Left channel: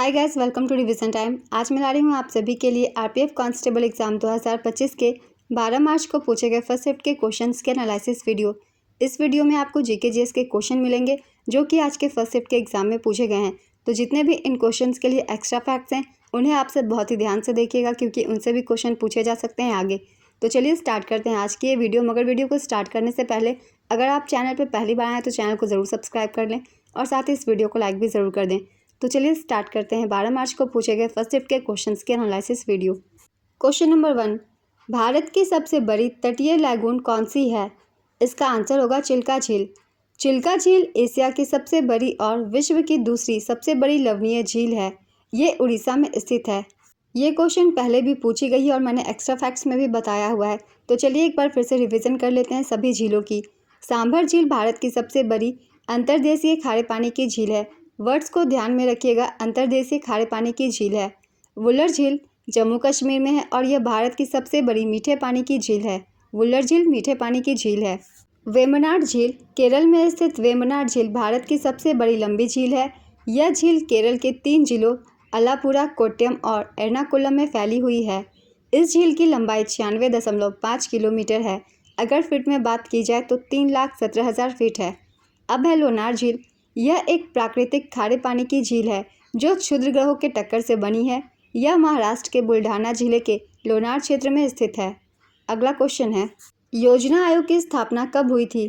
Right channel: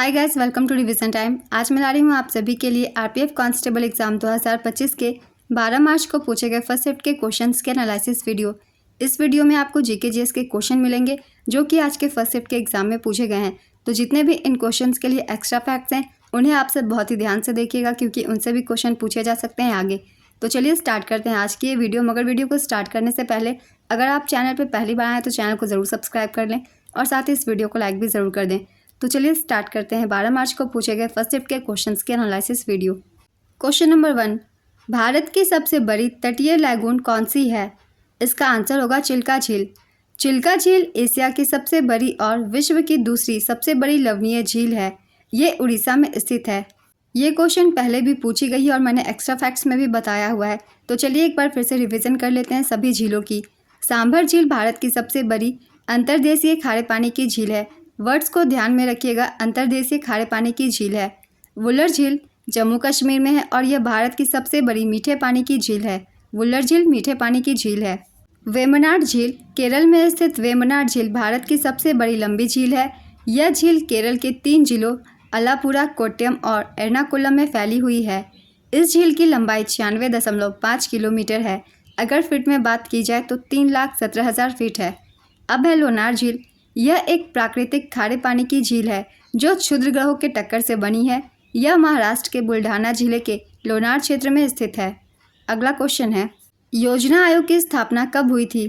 Hi guys, welcome to revision time. आज मैं ला रही हूँ आप सभी के लिए आरपीएफ कांस्टेबल एग्जाम 2025 के 12 मार्च को पूछे गए फर्स्ट शिफ्ट के क्वेश्चंस के एनालिसिस वीडियो। इस वीडियो में आपको जीके जीएस के क्वेश्चन मिलेंगे जो कि आज के फर्स्ट शिफ्ट के एग्जाम में पूछे गए हैं। तो जितने भी इन क्वेश्चंस के लिए एक्स्ट्रा फैक्ट्स हैं उन्हें आप सब बहुत ही ध्यान से देखिएगा क्योंकि उनसे भी क्वेश्चन पूछे जा सकते हैं आगे। तो चलिए स्टार्ट करते हैं आज की ये वीडियो। मगर वीडियो को स्टार्ट करने से पहले अगर आप चैनल पर पहली बार आए तो चैनल को ज़रूर सब्सक्राइब कर लें और साथ ही इस वीडियो को लाइक भी ज़रूर कर दें। तो चलिए स्टार्ट करते हैं 12 मार्च को पूछे गए फर्स्ट शिफ्ट के क्वेश्चंस के analysis video. Question number 1, Bharat की सबसे बड़ी तटीय लैगून कौन सी है? इसका आंसर होगा चिल्का झील। चिल्का झील एशिया की सबसे बड़ी और विश्व की दूसरी सबसे बड़ी लवणीय झील है। ये उड़ीसा में स्थित है। ये क्वेश्चन पहले भी पूछी गई है और मैंने एक्स्ट्रा फैक्ट्स में भी बताया हुआ है। तो चलिए एक बार फिर से रिविज़न कर लेते हैं सभी झीलों की। सांभर झील भारत की सबसे बड़ी अंतर्देशीय खारे पानी की झील है। वर्ड्स को ध्यान में रखिएगा, अंतर्देशीय खारे पानी की झील है। वुलर झील जम्मू कश्मीर में है और यह भारत की सबसे बड़ी मीठे पानी की झील है। वुलर झील मीठे पानी की झील है। वेम्बनाड झील केरल में स्थित वेम्बनाड झील भारत की सबसे बड़ी लंबी झील है। यह झील केरल के 3 जिलों अलापुरा, कोट्टयम और एर्नाकुलम में फैली हुई है। इस झील की लंबाई 96.5 किलोमीटर है। अगर फीट में बात की जाए तो 3,17,000 फीट है। अब है लोनार झील। यह एक प्राकृतिक खारे पानी की झील है जो क्षुद्र ग्रहों के टक्कर से बनी है। यह महाराष्ट्र के बुल्ढाना जिले के लोनार क्षेत्र में स्थित है। अगला क्वेश्चन है, योजना आयोग की स्थापना कब हुई थी?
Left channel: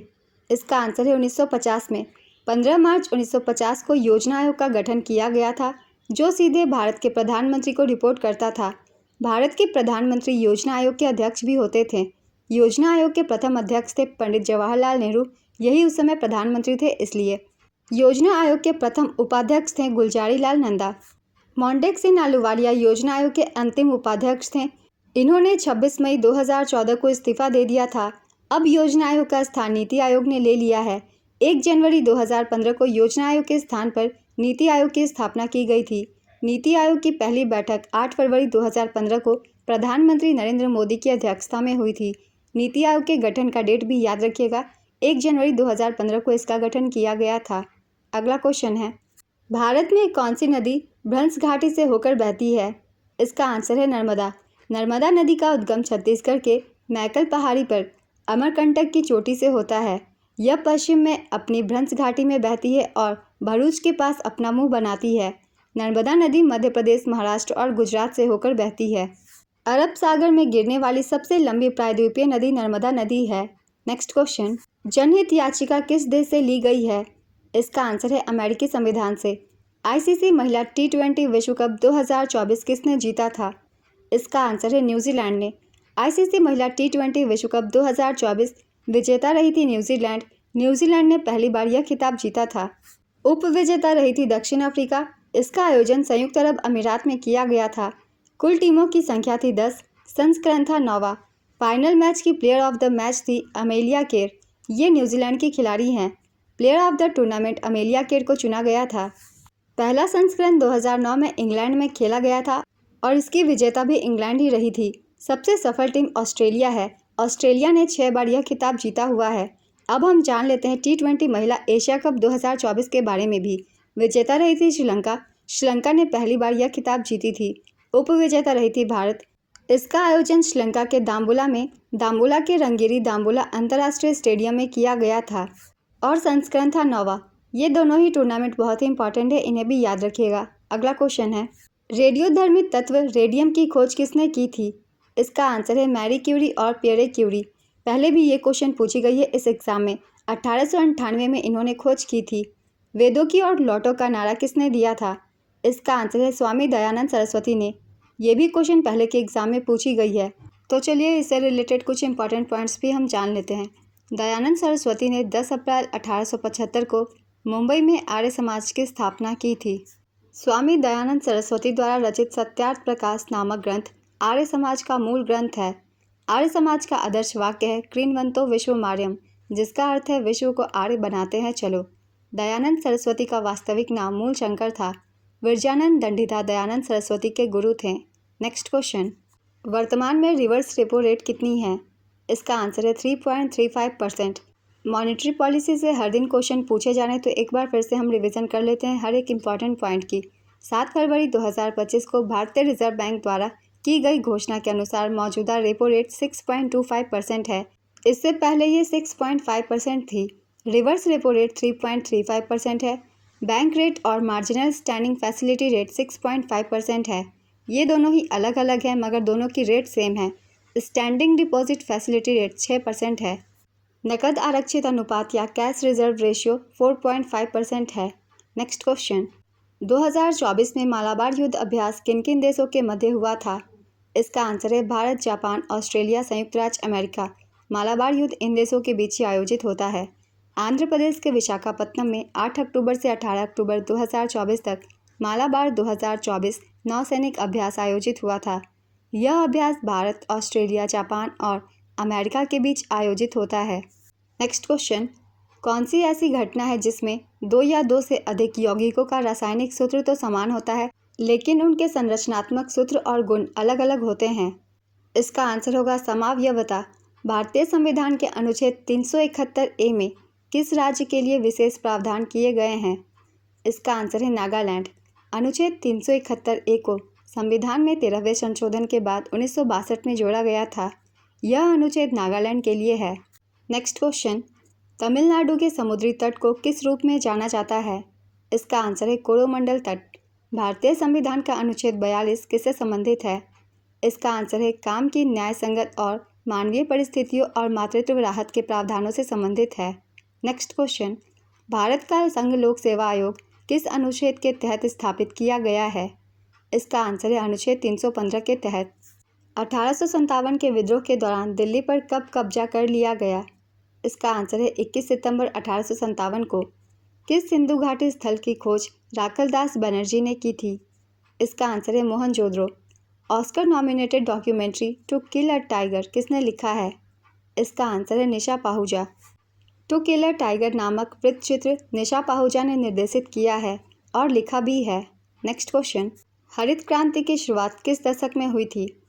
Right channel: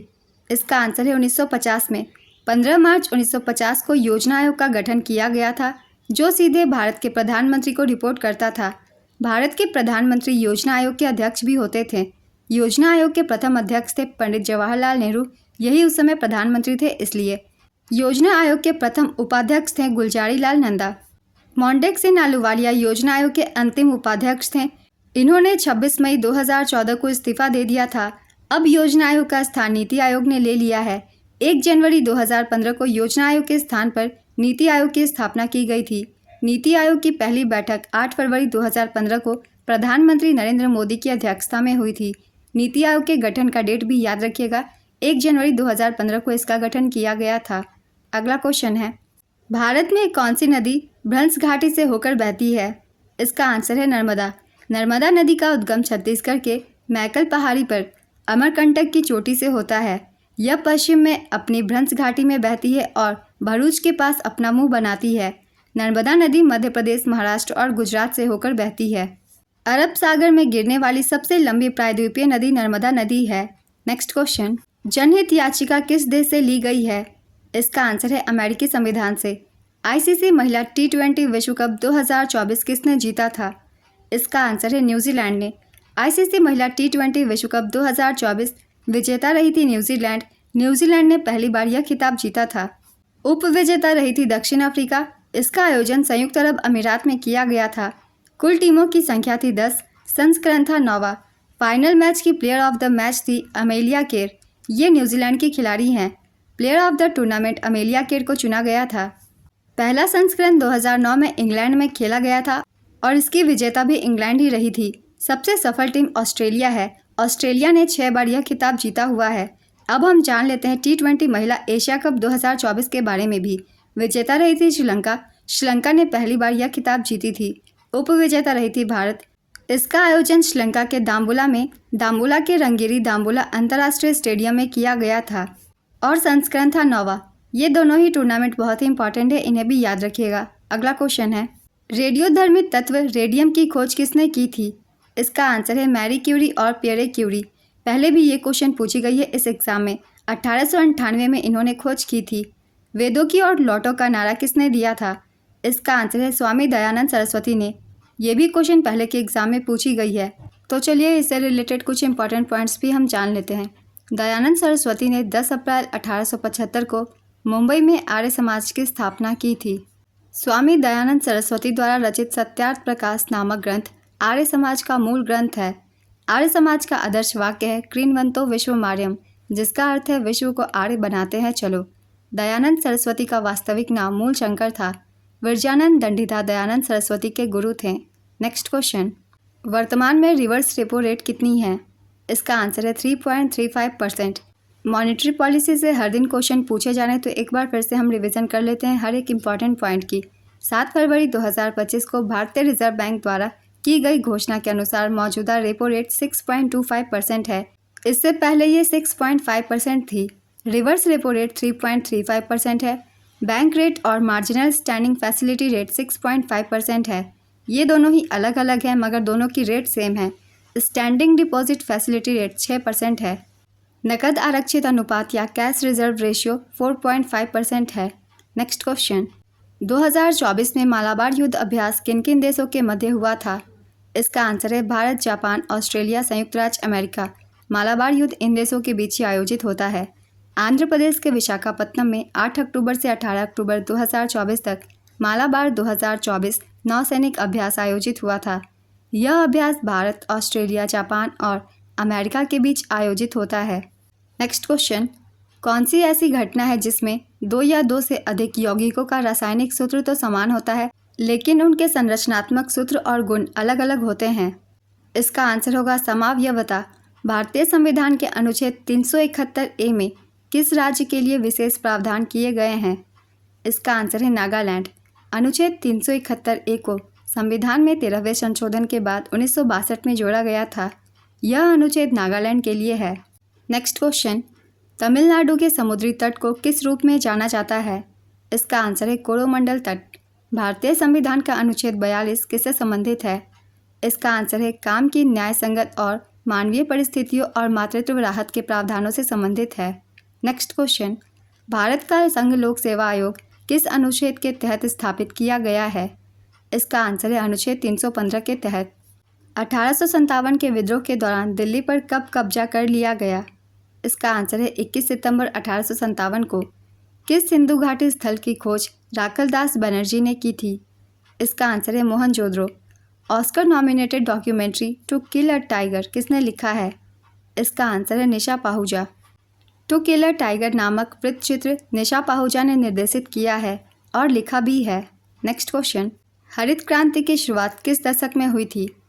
इसका आंसर है 1950 में। 15 मार्च 1950 को योजना आयोग का गठन किया गया था जो सीधे भारत के प्रधानमंत्री को रिपोर्ट करता था। भारत के प्रधानमंत्री योजना आयोग के अध्यक्ष भी होते थे। योजना आयोग के प्रथम अध्यक्ष थे पंडित जवाहरलाल नेहरू। यही उस समय प्रधानमंत्री थे। इसलिए योजना आयोग के प्रथम उपाध्यक्ष थे गुलजारी लाल नंदा। मोंटेक सिंह अहलूवालिया योजना आयोग के अंतिम उपाध्यक्ष थे। इन्होंने 26 मई 2014 को इस्तीफा दे दिया था। अब योजना आयोग का स्थान नीति आयोग ने ले लिया है। 1 जनवरी 2015 को योजना आयोग के स्थान पर नीति आयोग की स्थापना की गई थी। नीति आयोग की पहली बैठक 8 फरवरी 2015 को प्रधानमंत्री नरेंद्र मोदी की अध्यक्षता में हुई थी। नीति आयोग के गठन का डेट भी याद रखिएगा, 1 जनवरी 2015 को इसका गठन किया गया था। अगला क्वेश्चन है, भारत में कौन सी नदी भ्रंश घाटी से होकर बहती है? इसका आंसर है नर्मदा। नर्मदा नदी का उद्गम छत्तीसगढ़ के मैकल पहाड़ी पर अमरकंटक की चोटी से होता है। यह पश्चिम में अपनी भ्रंश घाटी में बहती है और भरूच के पास अपना मुंह बनाती है। नर्मदा नदी मध्य प्रदेश, महाराष्ट्र और गुजरात से होकर बहती है। अरब सागर में गिरने वाली सबसे लंबी प्रायद्वीपीय नदी नर्मदा नदी है। नेक्स्ट क्वेश्चन, जनहित याचिका किस देश से ली गई है? इसका आंसर है अमेरिकी संविधान से। आईसीसी महिला T20 विश्व कप 2024 किसने जीता था? इसका आंसर है न्यूजीलैंड ने। आईसीसी महिला T20 विश्व कप 2024 विजेता रही थी न्यूजीलैंड। न्यूजीलैंड ने पहली बार यह खिताब जीता था। उप विजेता रही थी दक्षिण अफ्रीका। इसका आयोजन संयुक्त अरब अमीरात में किया गया था। कुल टीमों की संख्या थी 10। संस्करण था 9वां। फाइनल मैच की प्लेयर ऑफ द मैच थी अमेलिया केर। ये न्यूजीलैंड की खिलाड़ी हैं। Player of the tournament Amelia Kerr को चुना गया था। पहला संस्करण 2009 में इंग्लैंड में खेला गया था और इसकी विजेता भी इंग्लैंड ही रही थी। सबसे सफल टीम ऑस्ट्रेलिया है। ऑस्ट्रेलिया ने 6 बार यह खिताब जीता हुआ है। अब हम जान लेते हैं T20 महिला एशिया कप 2024 के बारे में भी। विजेता रही थी श्रीलंका। श्रीलंका ने पहली बार यह खिताब जीती थी। उप विजेता रही थी भारत। इसका आयोजन श्रीलंका के दाम्बुला के रंगीरी दाम्बुला अंतर्राष्ट्रीय स्टेडियम में किया गया था और संस्करण था 9वां। ये दोनों ही टूर्नामेंट बहुत ही इंपॉर्टेंट है, इन्हें भी याद रखिएगा। अगला क्वेश्चन है, रेडियोधर्मी तत्व रेडियम की खोज किसने की थी? इसका आंसर है मैरी क्यूरी और पियरे क्यूरी। पहले भी ये क्वेश्चन पूछी गई है इस एग्जाम में। 1898 में इन्होंने खोज की थी। वेदों की और लौटो का नारा किसने दिया था? इसका आंसर है स्वामी दयानंद सरस्वती ने। यह भी क्वेश्चन पहले के एग्जाम में पूछी गई है। तो चलिए इससे रिलेटेड कुछ इंपॉर्टेंट पॉइंट्स भी हम जान लेते हैं। दयानंद सरस्वती ने 10 अप्रैल 1875 को मुंबई में आर्य समाज की स्थापना की थी। स्वामी दयानंद सरस्वती द्वारा रचित सत्यार्थ प्रकाश नामक ग्रंथ आर्य समाज का मूल ग्रंथ है। आर्य समाज का आदर्श वाक्य है क्रीन्वंतो विश्वमार्यम, जिसका अर्थ है विश्व को आर्य बनाते हैं चलो। दयानंद सरस्वती का वास्तविक नाम मूल शंकर था। विरजानंद दंडीदास दयानंद सरस्वती के गुरु थे। नेक्स्ट क्वेश्चन, वर्तमान में रिवर्स रेपो रेट कितनी है? इसका आंसर है 3.35%। मॉनेटरी पॉलिसी से हर दिन क्वेश्चन पूछे जाने तो एक बार फिर से हम रिवीजन कर लेते हैं हर एक इम्पॉर्टेंट पॉइंट की। 7 फरवरी 2025 को भारतीय रिजर्व बैंक द्वारा की गई घोषणा के अनुसार मौजूदा रेपो रेट 6.25% है। इससे पहले ये 6.5% थी। रिवर्स रेपो रेट 3.35% है। बैंक रेट और मार्जिनल स्टैंडिंग फैसिलिटी रेट 6.5% है। ये दोनों ही अलग अलग हैं मगर दोनों की रेट सेम है। स्टैंडिंग डिपॉजिट फैसिलिटी रेट 6% है। नकद आरक्षित अनुपात या कैश रिजर्व रेशियो 4.5% है। नेक्स्ट क्वेश्चन, 2024 में मालाबार युद्ध अभ्यास किन किन देशों के मध्य हुआ था? इसका आंसर है भारत, जापान, ऑस्ट्रेलिया, संयुक्त राज्य अमेरिका। मालाबार युद्ध इन देशों के बीच ही आयोजित होता है। आंध्र प्रदेश के विशाखापत्तनम में 8 अक्टूबर से 18 अक्टूबर 2024 तक मालाबार 2024 नौसैनिक अभ्यास आयोजित हुआ था। यह अभ्यास भारत, ऑस्ट्रेलिया, जापान और अमेरिका के बीच आयोजित होता है। नेक्स्ट क्वेश्चन, कौन सी ऐसी घटना है जिसमें 2 या 2 से अधिक यौगिकों का रासायनिक सूत्र तो समान होता है लेकिन उनके संरचनात्मक सूत्र और गुण अलग अलग होते हैं? इसका आंसर होगा समावयवता। भारतीय संविधान के अनुच्छेद 371A में किस राज्य के लिए विशेष प्रावधान किए गए हैं? इसका आंसर है नागालैंड। अनुच्छेद 371A को संविधान में 13वें संशोधन के बाद 1962 में जोड़ा गया था। यह अनुच्छेद नागालैंड के लिए है। नेक्स्ट क्वेश्चन, तमिलनाडु के समुद्री तट को किस रूप में जाना जाता है? इसका आंसर है कोरोमंडल तट। भारतीय संविधान का अनुच्छेद 42 किससे संबंधित है? इसका आंसर है काम की न्याय संगत और मानवीय परिस्थितियों और मातृत्व राहत के प्रावधानों से संबंधित है। नेक्स्ट क्वेश्चन, भारत का संघ लोक सेवा आयोग किस अनुच्छेद के तहत स्थापित किया गया है? इसका आंसर है अनुच्छेद 315 के तहत। 1857 के विद्रोह के दौरान दिल्ली पर कब कब्जा कर लिया गया? इसका आंसर है 21 सितंबर 1857 को। किस सिंधु घाटी स्थल की खोज राखल दास बनर्जी ने की थी? इसका आंसर है Mohenjodaro. Oscar nominated documentary to kill a tiger किसने लिखा है? इसका आंसर है निशा Pahuja. To kill a tiger नामक वृत्तचित्र निशा पाहुजा ने निर्देशित किया है और लिखा भी है। नेक्स्ट क्वेश्चन, हरित क्रांति की शुरुआत किस दशक में हुई थी?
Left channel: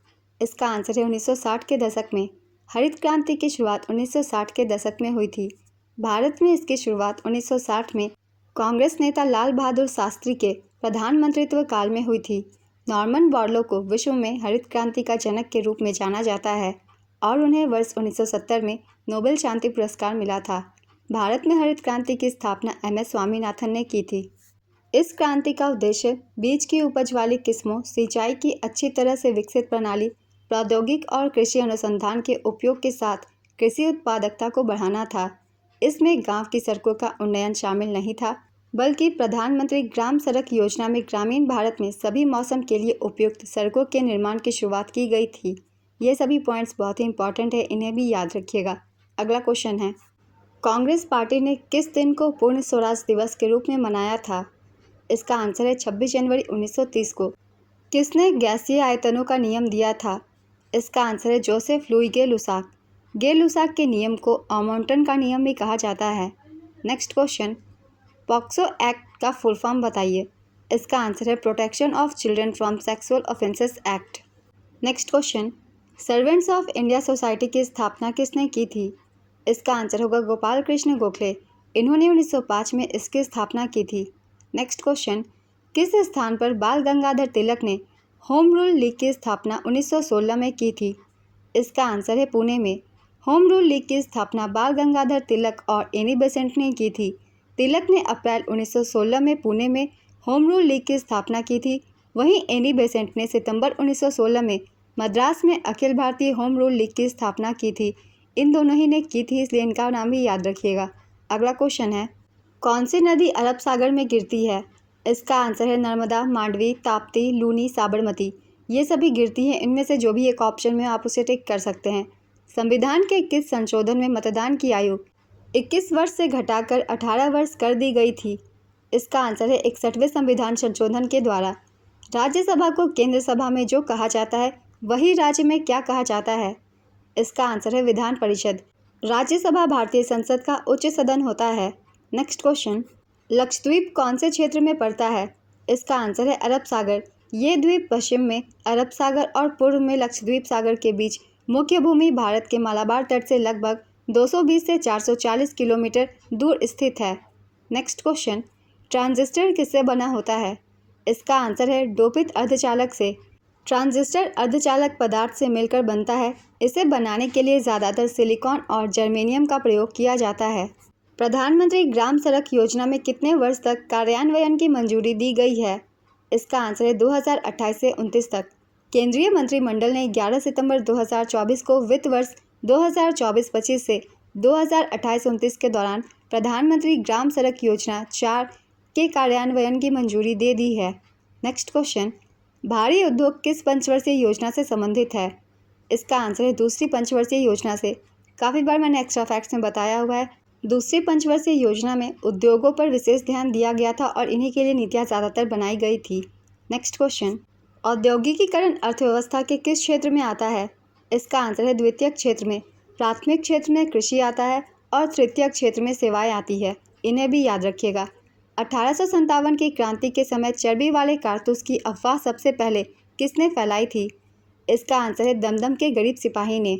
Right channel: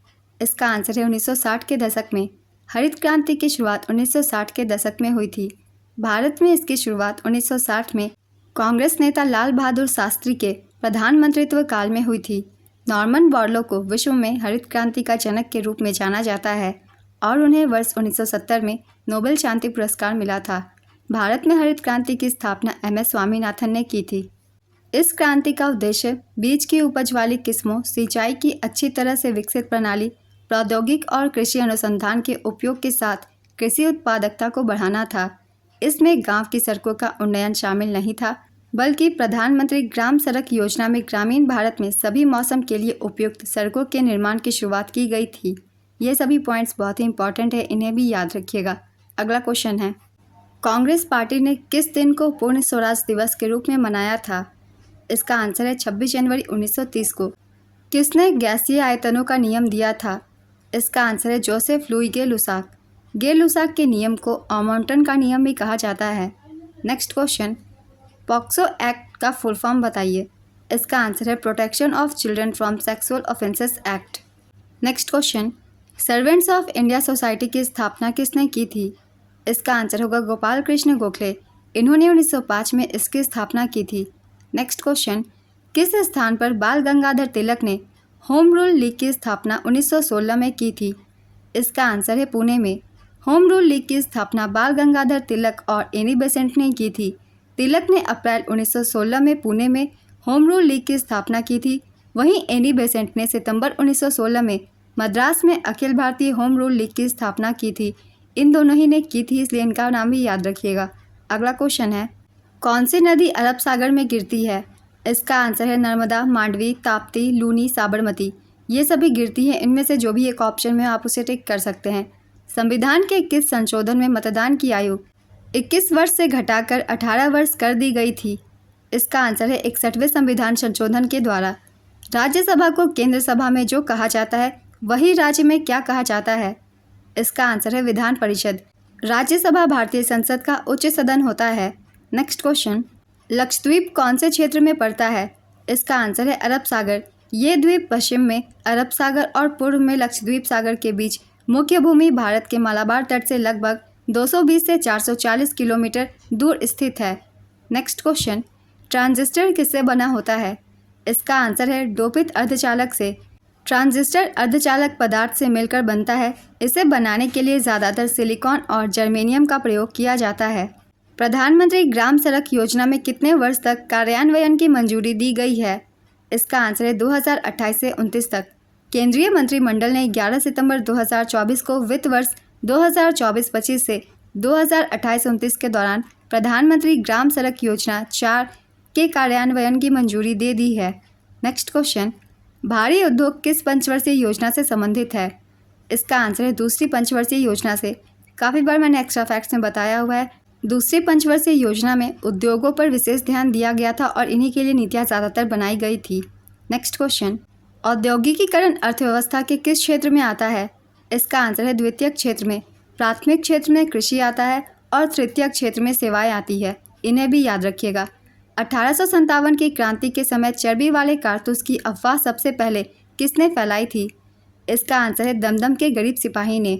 इसका आंसर है 1960 के दशक में। हरित क्रांति की शुरुआत 1960 के दशक में हुई थी। भारत में इसकी शुरुआत 1960 में कांग्रेस नेता लाल बहादुर शास्त्री के प्रधानमंत्रित्व काल में हुई थी। नॉर्मन बोरलो को विश्व में हरित क्रांति का जनक के रूप में जाना जाता है और उन्हें वर्ष 1970 में नोबेल शांति पुरस्कार मिला था। भारत में हरित क्रांति की स्थापना MS स्वामीनाथन ने की थी। इस क्रांति का उद्देश्य बीज की उपज वाली किस्मों, सिंचाई की अच्छी तरह से विकसित प्रणाली, प्रौद्योगिक और कृषि अनुसंधान के उपयोग के साथ कृषि उत्पादकता को बढ़ाना था। इसमें गांव की सड़कों का उन्नयन शामिल नहीं था बल्कि प्रधानमंत्री ग्राम सड़क योजना में ग्रामीण भारत में सभी मौसम के लिए उपयुक्त सड़कों के निर्माण की शुरुआत की गई थी। ये सभी पॉइंट्स बहुत ही इंपॉर्टेंट है, इन्हें भी याद रखिएगा। अगला क्वेश्चन है, कांग्रेस पार्टी ने किस दिन को पूर्ण स्वराज दिवस के रूप में मनाया था? इसका आंसर है 26 जनवरी 1930 को। किसने गैसीय आयतनों का नियम दिया था? इसका आंसर है जोसेफ लुई गे-लुसाक। गे-लुसाक के नियम को ऑमोंटन का नियम भी कहा जाता है। नेक्स्ट क्वेश्चन, पॉक्सो एक्ट का फुल फॉर्म बताइए। इसका आंसर है protection of children from sexual offences act. Next question, servants of India society की स्थापना किसने की थी? इसका आंसर होगा गोपाल कृष्ण गोखले। इन्होंने 1905 में इसकी स्थापना की थी। नेक्स्ट क्वेश्चन, किस स्थान पर बाल गंगाधर तिलक ने होम रूल लीग की स्थापना 1916 में की थी? इसका आंसर है पुणे में। होम रूल लीग की स्थापना बाल गंगाधर तिलक और एनी बेसेंट ने की थी। तिलक ने अप्रैल 1916 में पुणे में होम रूल लीग की स्थापना की थी। वहीं एनी बेसेंट ने सितंबर 1916 में मद्रास में Akhil Bharatiya home rule league की स्थापना की थी। इन दोनों ही ने की थी, इसलिए इनका नाम भी याद रखिएगा। अगला क्वेश्चन है, कौन सी नदी अरब सागर में गिरती है? इसका आंसर है नर्मदा, मांडवी, ताप्ती, लूनी, साबरमती। ये सभी गिरती हैं। इनमें से जो भी एक ऑप्शन में आप उसे टिक कर सकते हैं। संविधान के किस संशोधन में मतदान की आयु 21 वर्ष से घटाकर 18 वर्ष कर दी गई थी? इसका आंसर है 61वें संविधान संशोधन के द्वारा। राज्यसभा को केंद्र सभा में जो कहा जाता है वही राज्य में क्या कहा जाता है? इसका आंसर है विधान परिषद। राज्यसभा भारतीय संसद का उच्च सदन होता है। नेक्स्ट क्वेश्चन, लक्षद्वीप कौन से क्षेत्र में पड़ता है? इसका आंसर है अरब सागर। ये द्वीप पश्चिम में अरब सागर और पूर्व में लक्षद्वीप सागर के बीच मुख्य भूमि भारत के मालाबार तट से लगभग 220 से 440 किलोमीटर दूर स्थित है। नेक्स्ट क्वेश्चन, ट्रांजिस्टर किससे बना होता है? इसका आंसर है डोपित अर्धचालक से। ट्रांजिस्टर अर्धचालक पदार्थ से मिलकर बनता है। इसे बनाने के लिए ज़्यादातर सिलिकॉन और जर्मेनियम का प्रयोग किया जाता है। प्रधानमंत्री ग्राम सड़क योजना में कितने वर्ष तक कार्यान्वयन की मंजूरी दी गई है? इसका आंसर है 2028 से 29 तक। केंद्रीय मंत्रिमंडल ने 11 सितंबर 2024 को वित्त वर्ष 2024-25 से 2028-29 के दौरान प्रधानमंत्री ग्राम सड़क योजना 4 के कार्यान्वयन की मंजूरी दे दी है। नेक्स्ट क्वेश्चन, भारी उद्योग किस पंचवर्षीय योजना से संबंधित है? इसका आंसर है दूसरी पंचवर्षीय योजना से। काफ़ी बार मैंने एक्स्ट्रा फैक्ट्स में बताया हुआ है। दूसरी पंचवर्षीय योजना में उद्योगों पर विशेष ध्यान दिया गया था और इन्हीं के लिए नीतियाँ ज़्यादातर बनाई गई थी। नेक्स्ट क्वेश्चन, औद्योगिकीकरण अर्थव्यवस्था के किस क्षेत्र में आता है? इसका आंसर है द्वितीयक क्षेत्र में। प्राथमिक क्षेत्र में कृषि आता है और तृतीयक क्षेत्र में सेवाएं आती है। इन्हें भी याद रखिएगा। 1857 की क्रांति के समय चर्बी वाले कारतूस की अफवाह सबसे पहले किसने फैलाई थी? इसका आंसर है दमदम के गरीब सिपाही ने।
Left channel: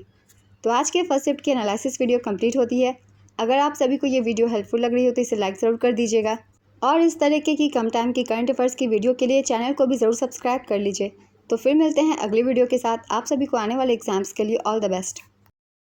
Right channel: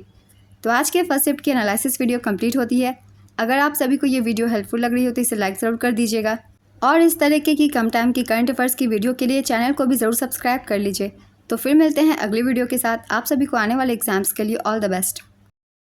तो आज के फर्स्ट शिफ्ट की एनालिसिस वीडियो कंप्लीट होती है। अगर आप सभी को ये वीडियो हेल्पफुल लग रही हो तो इसे लाइक ज़रूर कर दीजिएगा और इस तरीके की कम टाइम की करंट अफेयर्स की वीडियो के लिए चैनल को भी ज़रूर सब्सक्राइब कर लीजिए। तो फिर मिलते हैं अगली वीडियो के साथ। आप सभी को आने वाले एग्जाम्स के लिए ऑल द बेस्ट।